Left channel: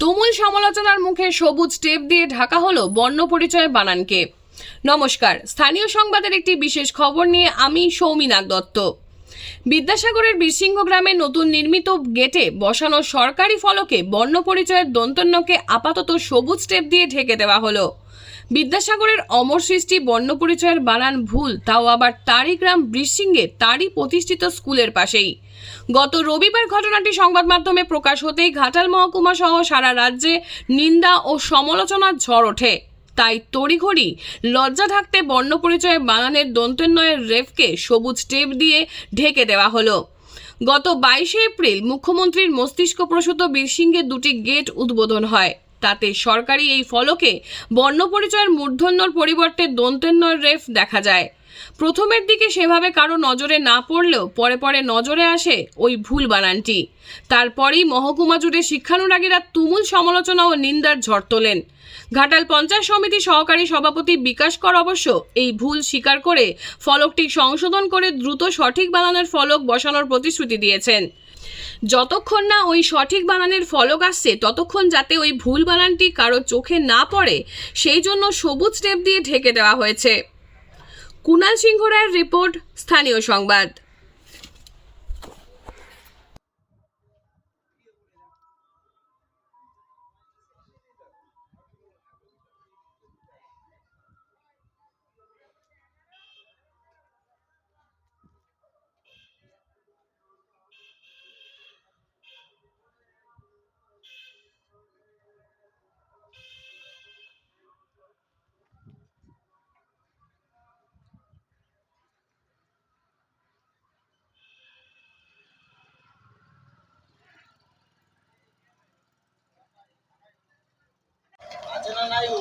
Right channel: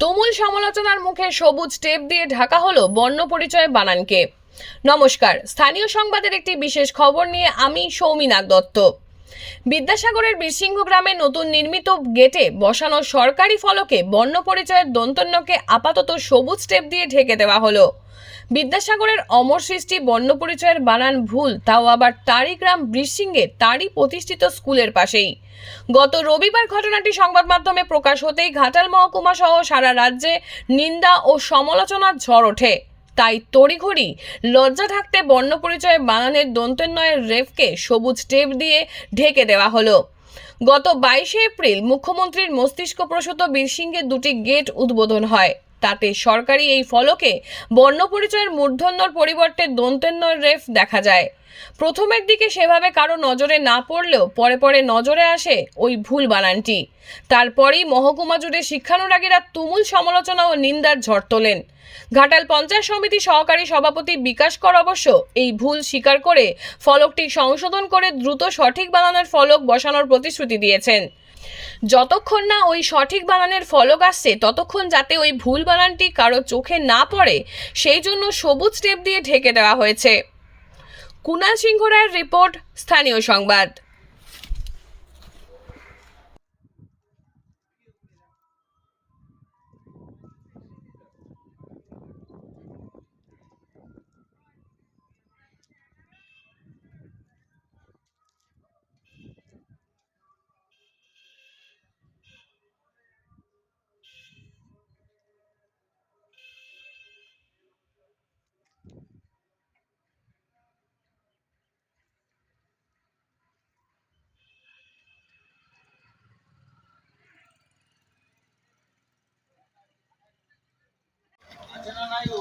তুমুল সমালোচনার মুখে সবুজ টেপ দিয়ে ঢাকা হলো বর্ণ পরিচয় বানানকে। নমস্কার, স্থানীয় সংবাদের একটি বিশেষ খবর নিয়ে আমি সৌমিনাথ দত্ত। বিদ্যাসাগরের বীরসিংহ গ্রামে নতুন নির্মিত গেটে বসানো সরকারি ফলকে বর্ণ পরিচয়ের দন্তন্যকে আপাতত সবুজ স্টেপ দিয়ে ঢেকে দেওয়া হলো। বিদ্যাসাগরের অমর সৃষ্টি বর্ণ পরিচয়ের বানান ভুল, তাও আবার তারই গ্রাম বৃষ্সিংহে তারই প্রতিষ্ঠিত স্কুলের পাশেই। গত রবিবার ঘটনাটি সংবাদ মাধ্যমে প্রকাশ হতেই ঘাটাল মহকুমা সহ সারা রাজ্যে নিন্দা ও সমালোচনার ঝড় ওঠে। তাই তড়িঘড়ি লজ্জা থাকতে বর্ণ পরিচয়ে বানানের দন্তন্বয়ের রেফকে সবুজ টেপ দিয়ে ঢেকে দেওয়া হলো। গত বাইশে এপ্রিল মুখ্যমন্ত্রীর মস্তিষ্ক প্রসূত বীরসিংহের দুটি গেট উদ্বোধন হয়। তাতে সরকারি এই ফলকে বর্ণপরিচয়ের মূর্ধন্যর পরিবর্তে দন্তন্যর রেফ দেখা যায়। প্রথমের দিকে সেভাবে কারও নজরে না পড়লেও পরে পরে নজরে আসে ওই ভুল বানানটি। তারপরেই মহকুমা জুড়ে শিক্ষানুরাগীরা তুমুল সমালোচনা ও নিন্দার ঝড় তোলেন। ঘাটাল পঞ্চায়েত সমিতি সহকারী সভাপতি বিকাশ কর অবশ্য এই ভুল স্বীকার করে ফলকটি সংশোধন করে দ্রুত সঠিক বানানের ফলক বসানোর প্রতিশ্রুতি দিয়েছেন। যতক্ষণ না ওই সঠিক বানানের ফলক আসছে, ততক্ষণ যাতে ওই ভুল বানানটি কারও চোখে না পড়ে, সেই জন্য সবুজ টেপ দিয়ে ঢেকে দেওয়া হয়েছে। কুণাল সিংহ রায়ের রিপোর্ট স্থানীয় সংবাদ। চেনা নাই ও